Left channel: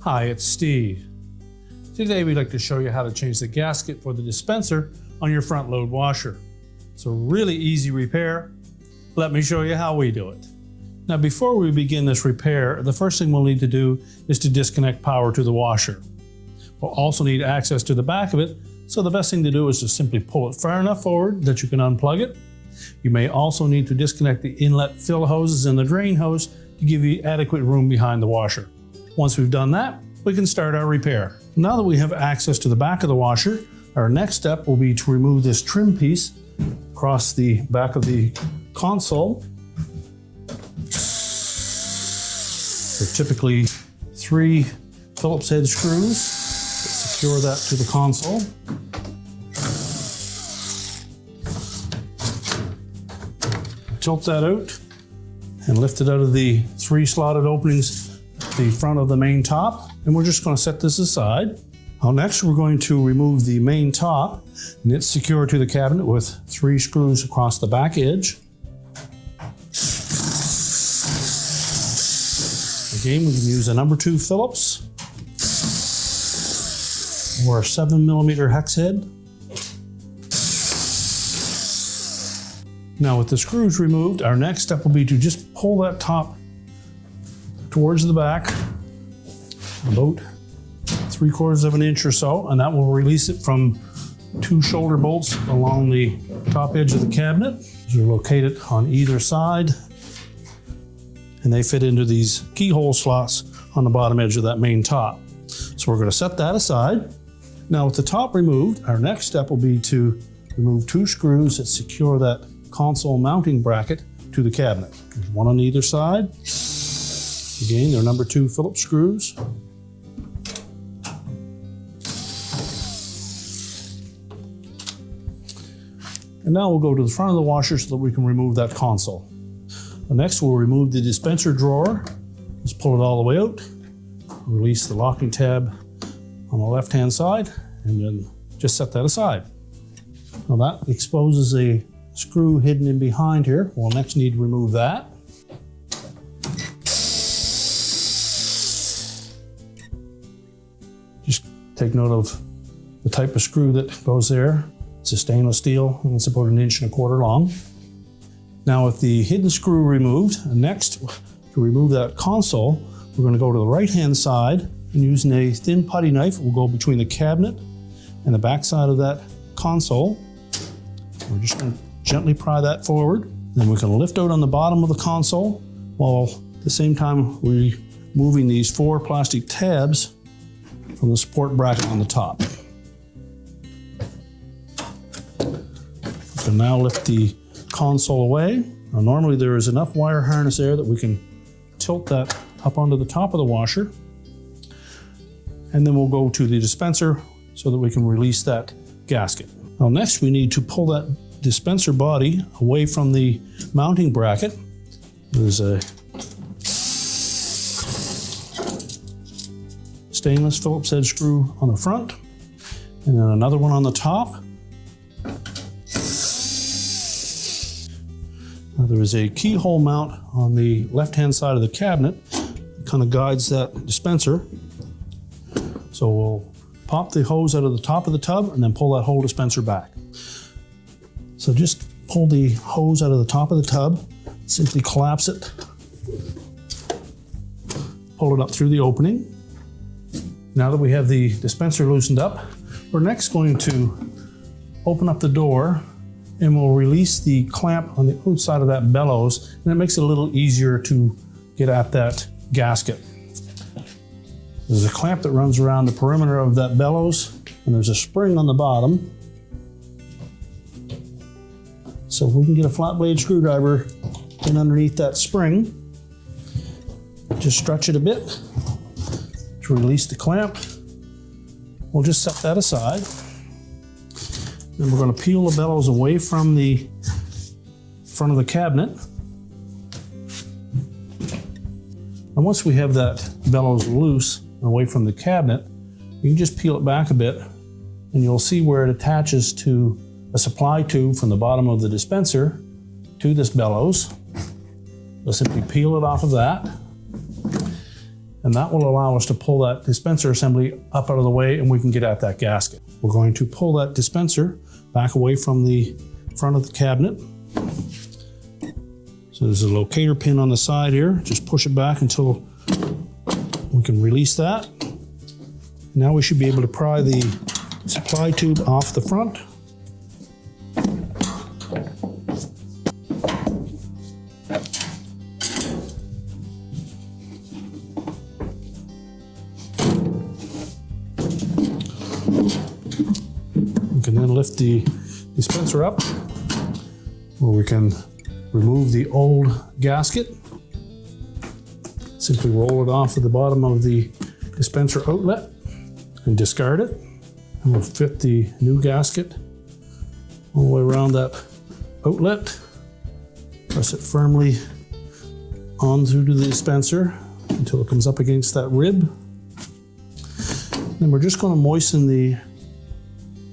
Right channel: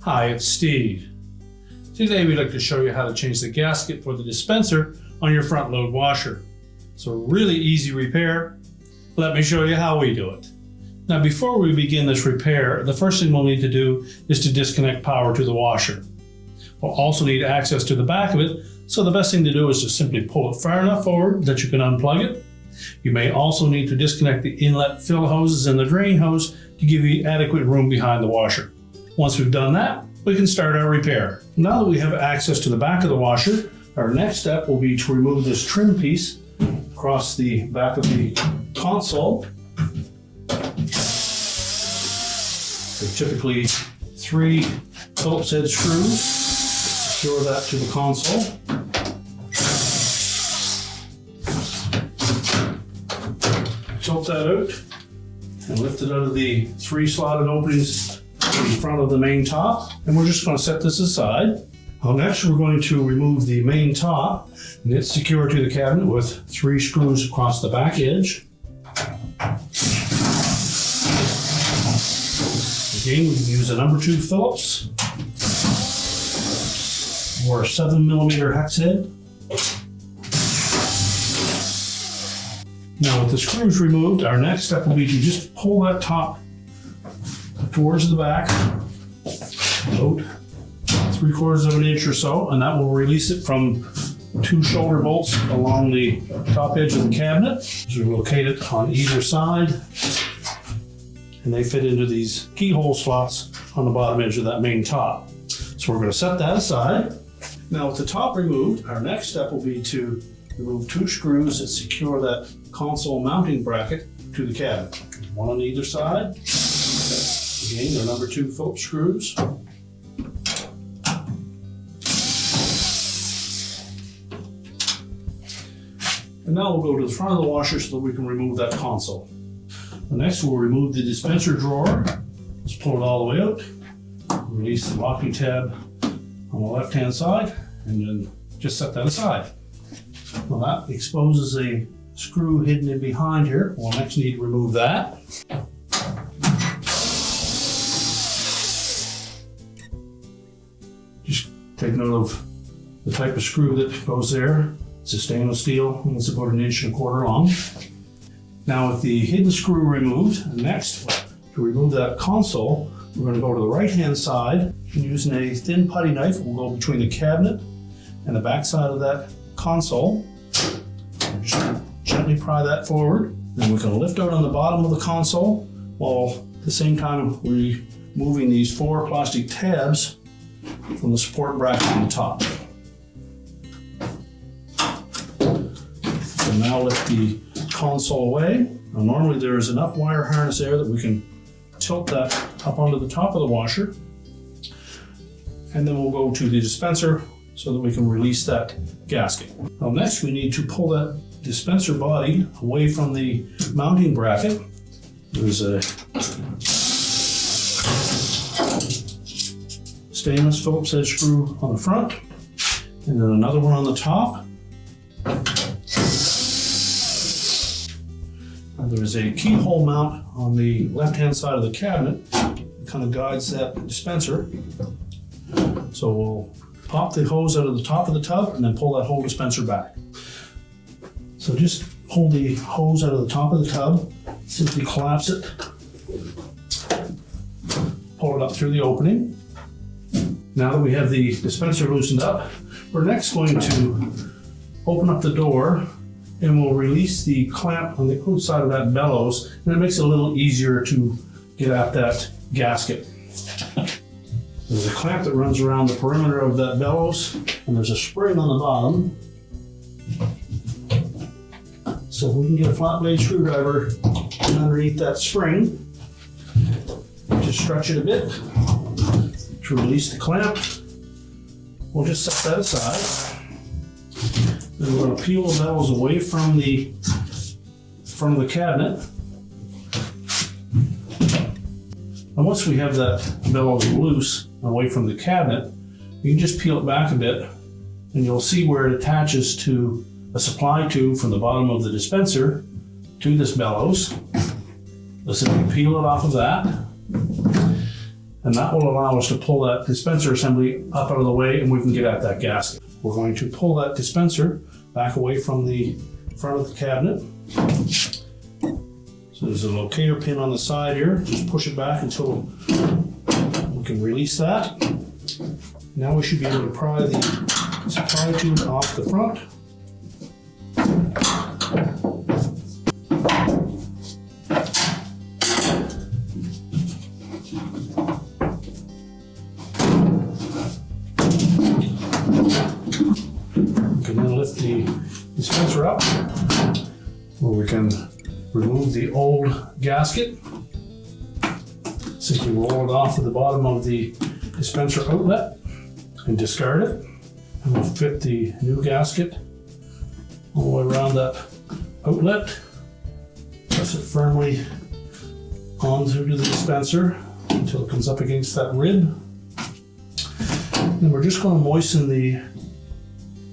Hi, it's Steve. Today we'd like to show you how to change the gasket for the dispenser on your front load washer. It's a really easy repair. Let me show you how we do it. Now before we begin this repair, the first thing we'll need to do is to disconnect power to the washer. We'll also need access to the back of it, so the best thing to do is to simply pull it far enough forward that you can unplug it. You may also need to disconnect the inlet fill hoses and the drain hose to give you adequate room behind the washer. Once we've done that, we can start our repair. Now that we have access to the back of the washer, our next step will be to remove this trim piece across the back of the console. So typically 3 Phillips head screws, secure that to the console. Tilt that out and lift it out of the 3 slotted openings in front of the main top, and we're just going to set this aside. Next, we're going to remove the main top, and it's secured to the cabinet with 3 screws across the back edge. Again, we can use a number 2 Phillips or a 7mm hex head. Now, with the screws removed, our next step will be to just pull that top towards the back, about 3/4 of an inch or so, and that will release it from 2 shoulder bolts along the top edge of the cabinet. These are located on either side, and they fit into these keyhole slots on the bottom edge of that main top. So we're going to set that aside. Now with the top removed, our next step will be to remove 2 screws that secure that console mounting bracket to the cabinet. One on either side. Again, they're number 2 Phillips screws. And now we'll go to the front of the washer so that we can remove that console. Next, we'll remove the dispenser drawer. Just pull it all the way out. Release the locking tab on the left-hand side, and then just set that aside. Now that exposes a screw hidden in behind here. We'll next need to remove that. Just take note of the type of screw that goes there. It's a stainless steel, and it's about 1.25 inches long. Now with the hidden screw removed, next to remove that console, we're going to go to the right-hand side, and using a thin putty knife, we'll go between the cabinet and the back side of that console. We're just going to gently pry that forward. Then we can lift out on the bottom of the console, while at the same time removing these 4 plastic tabs from the support bracket on the top. So now lift the console away. Now normally there is enough wire harness there that we can tilt that up onto the top of the washer. And then we'll go to the dispenser so that we can release that gasket. Now next we need to pull that dispenser body away from the mounting bracket. There's a stainless Phillips head screw on the front, and then another one on the top. Now there's a keyhole mount on the left-hand side of the cabinet that kind of guides that dispenser. So we'll pop the hose out of the top of the tub and then pull that whole dispenser back. So just pull the hose out of the top of the tub, simply collapse it, pull it up through the opening. Now that we have the dispenser loosened up, we're next going to open up the door, and we'll release the clamp on the outside of that bellows, and that makes it a little easier to get at that gasket. There's a clamp that runs around the perimeter of that bellows, and there's a spring on the bottom. So if we can get a flat blade screwdriver in underneath that spring, just stretch it a bit to release the clamp. We'll just set that aside. Then we're going to peel the bellows away from the front of the cabinet. And once we have that bellows loose and away from the cabinet, you can just peel it back a bit, and you'll see where it attaches to a supply tube from the bottom of the dispenser to this bellows. Let's simply peel it off of that. And that will allow us to pull that dispenser assembly up out of the way and we can get at that gasket. We're going to pull that dispenser back away from the front of the cabinet. So there's a locator pin on the side here. Just push it back until we can release that. Now we should be able to pry the supply tube off the front. We can then lift the dispenser up where we can remove the old gasket. Simply roll it off at the bottom of the dispenser outlet and discard it. And we'll fit the new gasket all the way around that outlet. Press it firmly onto the dispenser until it comes up against that rib. And we're just going to moisten the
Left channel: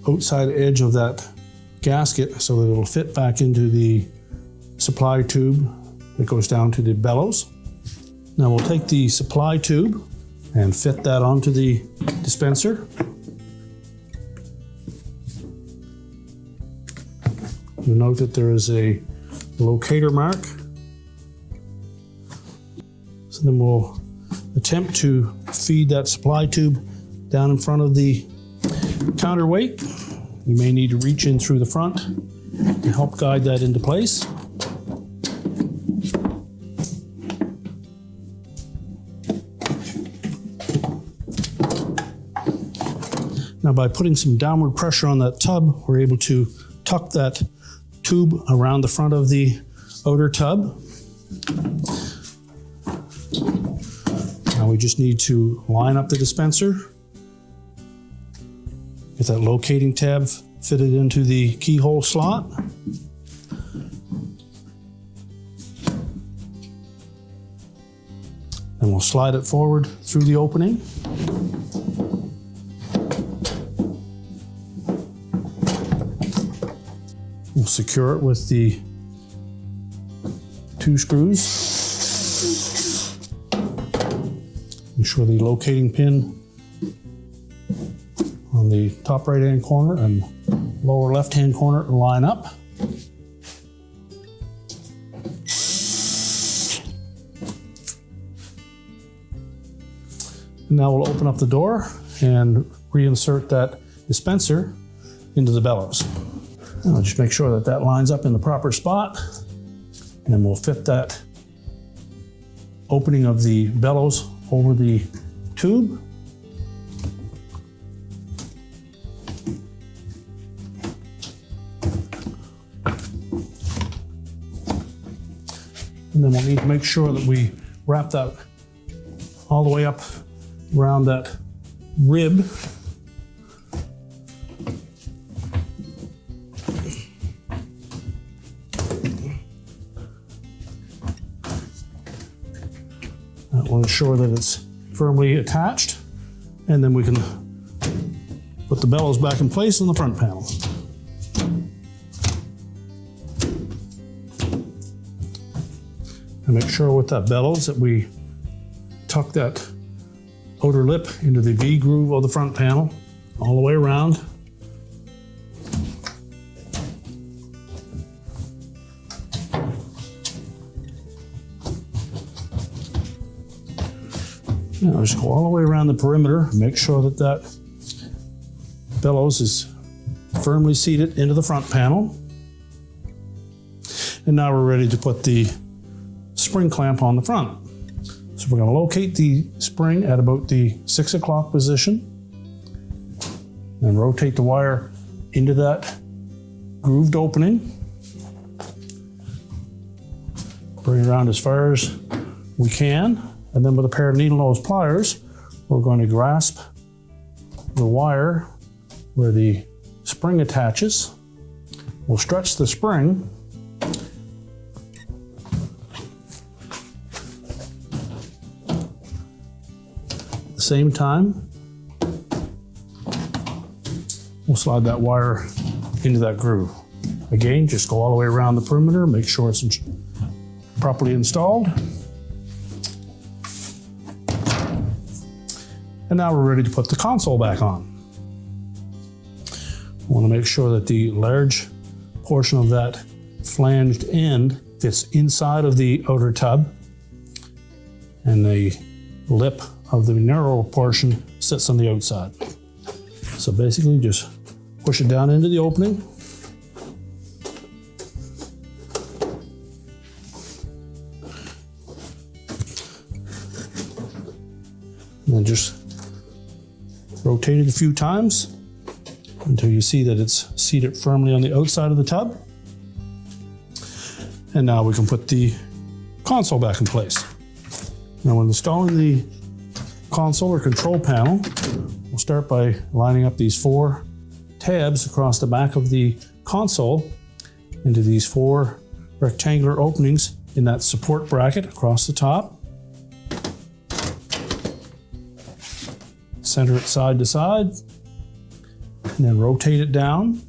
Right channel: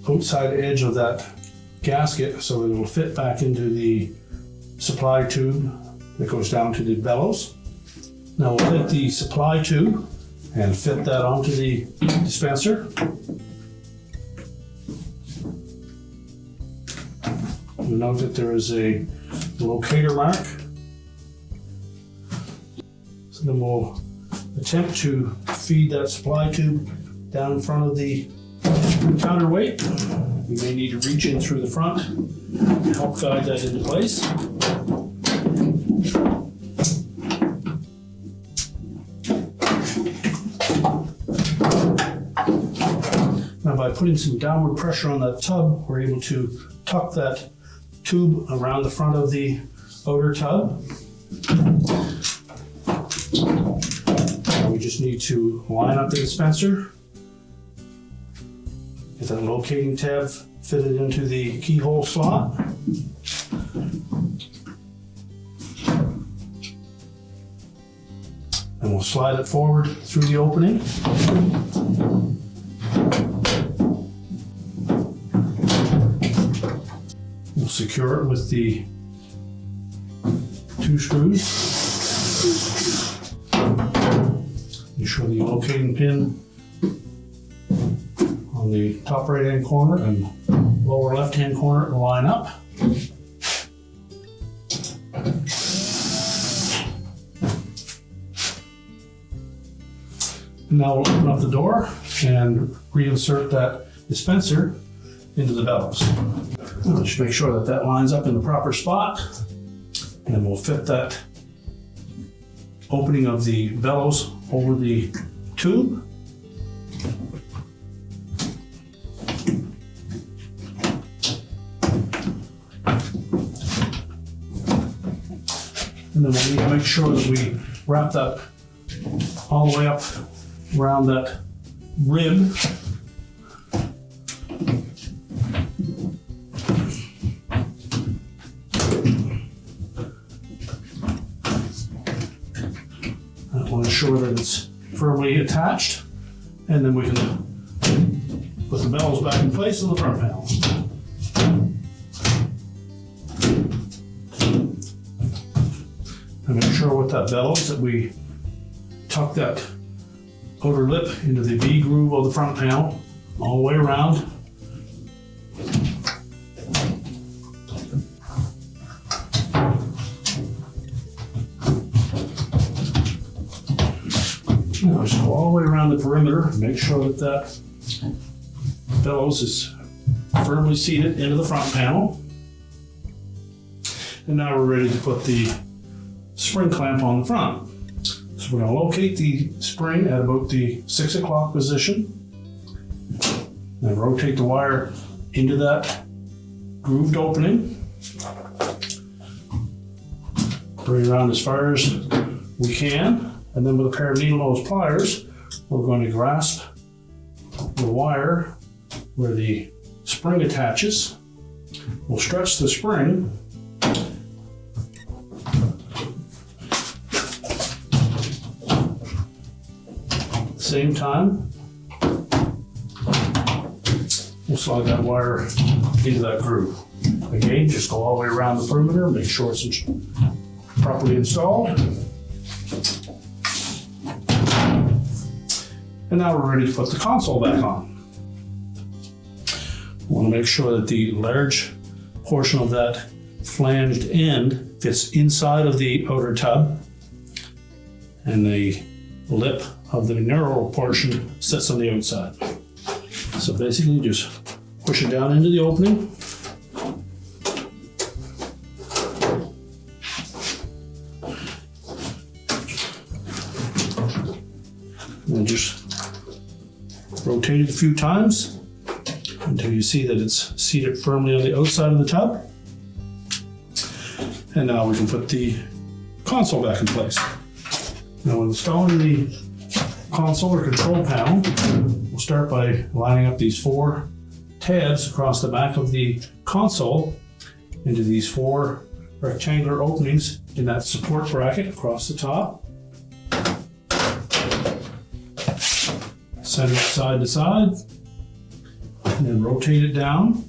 outside edge of that gasket so that it'll fit back into the supply tube that goes down to the bellows. Now we'll take the supply tube and fit that onto the dispenser. You'll note that there is a locator mark. So then we'll attempt to feed that supply tube down in front of the counterweight. You may need to reach in through the front to help guide that into place. Now by putting some downward pressure on that tub, we're able to tuck that tube around the front of the outer tub. Now we just need to line up the dispenser. Get that locating tab fitted into the keyhole slot. And we'll slide it forward through the opening. We'll secure it with the 2 screws. Ensure the locating pin on the top right hand corner and lower left hand corner line up. Now we'll open up the door and reinsert that dispenser into the bellows. Now just make sure that that lines up in the proper spot, and then we'll fit that opening of the bellows over the tube. And then we'll need to make sure that we wrap that all the way up around that rib. We'll ensure that it's firmly attached, and then we can put the bellows back in place on the front panel. And make sure with that bellows that we tuck that outer lip into the V groove of the front panel all the way around. Now just go all the way around the perimeter and make sure that that bellows is firmly seated into the front panel. And now we're ready to put the spring clamp on the front. So we're going to locate the spring at about the 6 o'clock position and rotate the wire into that grooved opening. Bring it around as far as we can. And then with a pair of needle nose pliers, we're going to grasp the wire where the spring attaches. We'll stretch the spring at the same time. We'll slide that wire into that groove. Again, just go all the way around the perimeter, make sure it's properly installed. And now we're ready to put the console back on. I want to make sure that the large portion of that flanged end fits inside of the outer tub, and the lip of the narrow portion sits on the outside. So basically just push it down into the opening. And then just rotate it a few times until you see that it's seated firmly on the outside of the tub. And now we can put the console back in place. Now when installing the console or control panel, we'll start by lining up these 4 tabs across the back of the console into these 4 rectangular openings in that support bracket across the top. Center it side to side, and then rotate it down.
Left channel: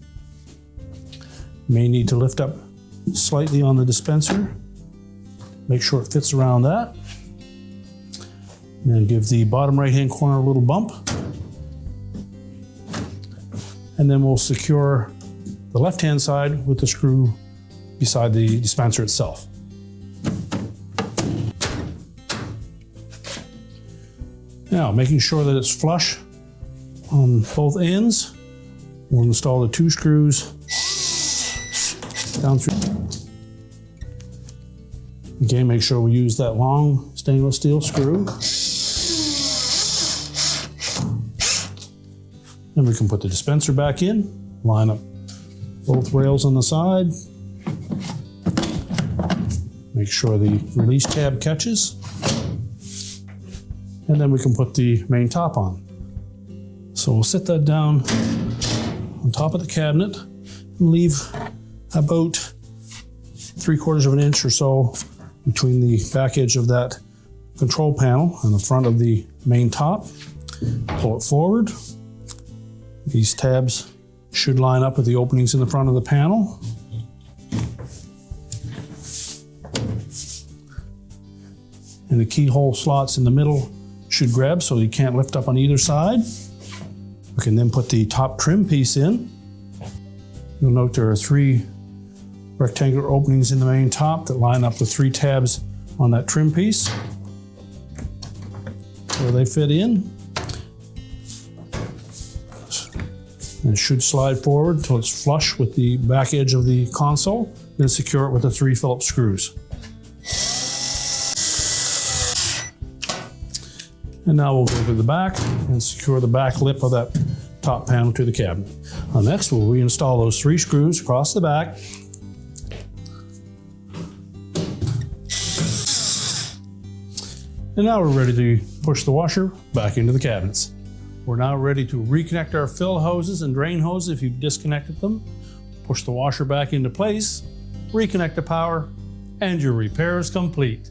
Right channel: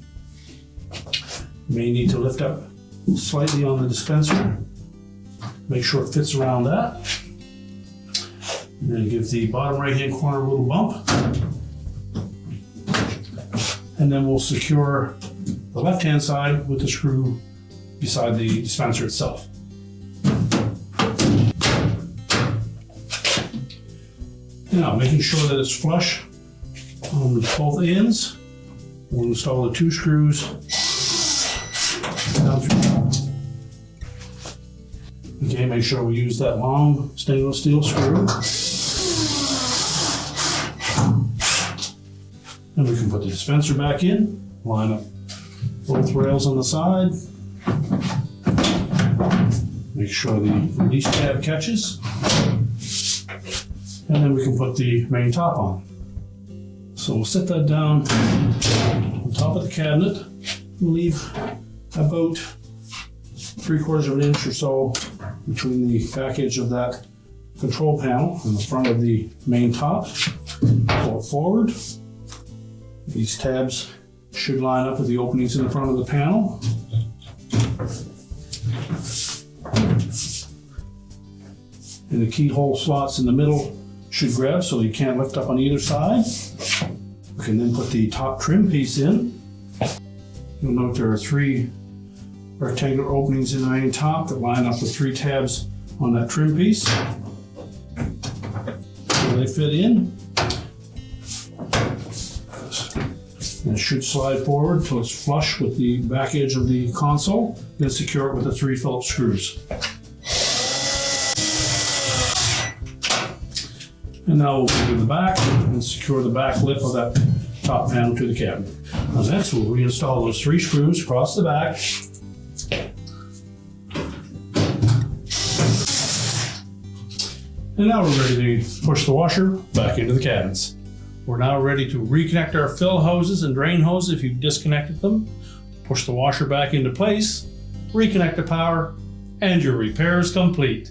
You may need to lift up slightly on the dispenser. Make sure it fits around that. And then give the bottom right hand corner a little bump. And then we'll secure the left hand side with the screw beside the dispenser itself. Now, making sure that it's flush on both ends, we'll install the 2 screws down through. Okay, make sure we use that long stainless steel screw. Then we can put the dispenser back in, line up both rails on the side. Make sure the release tab catches. And then we can put the main top on. So we'll set that down on top of the cabinet and leave about 3/4 of an inch or so between the back edge of that control panel and the front of the main top. Pull it forward. These tabs should line up with the openings in the front of the panel. And the keyhole slots in the middle should grab so you can't lift up on either side. We can then put the top trim piece in. You'll note there are 3 rectangular openings in the main top that line up the 3 tabs on that trim piece. So they fit in. And it should slide forward until it's flush with the back edge of the console. Then secure it with the 3 Phillips screws. And now we'll go to the back and secure the back lip of that top panel to the cabinet. Now next we'll reinstall those 3 screws across the back. And now we're ready to push the washer back into the cabinets. We're now ready to reconnect our fill hoses and drain hose if you've disconnected them. Push the washer back into place, reconnect the power, and your repair is complete.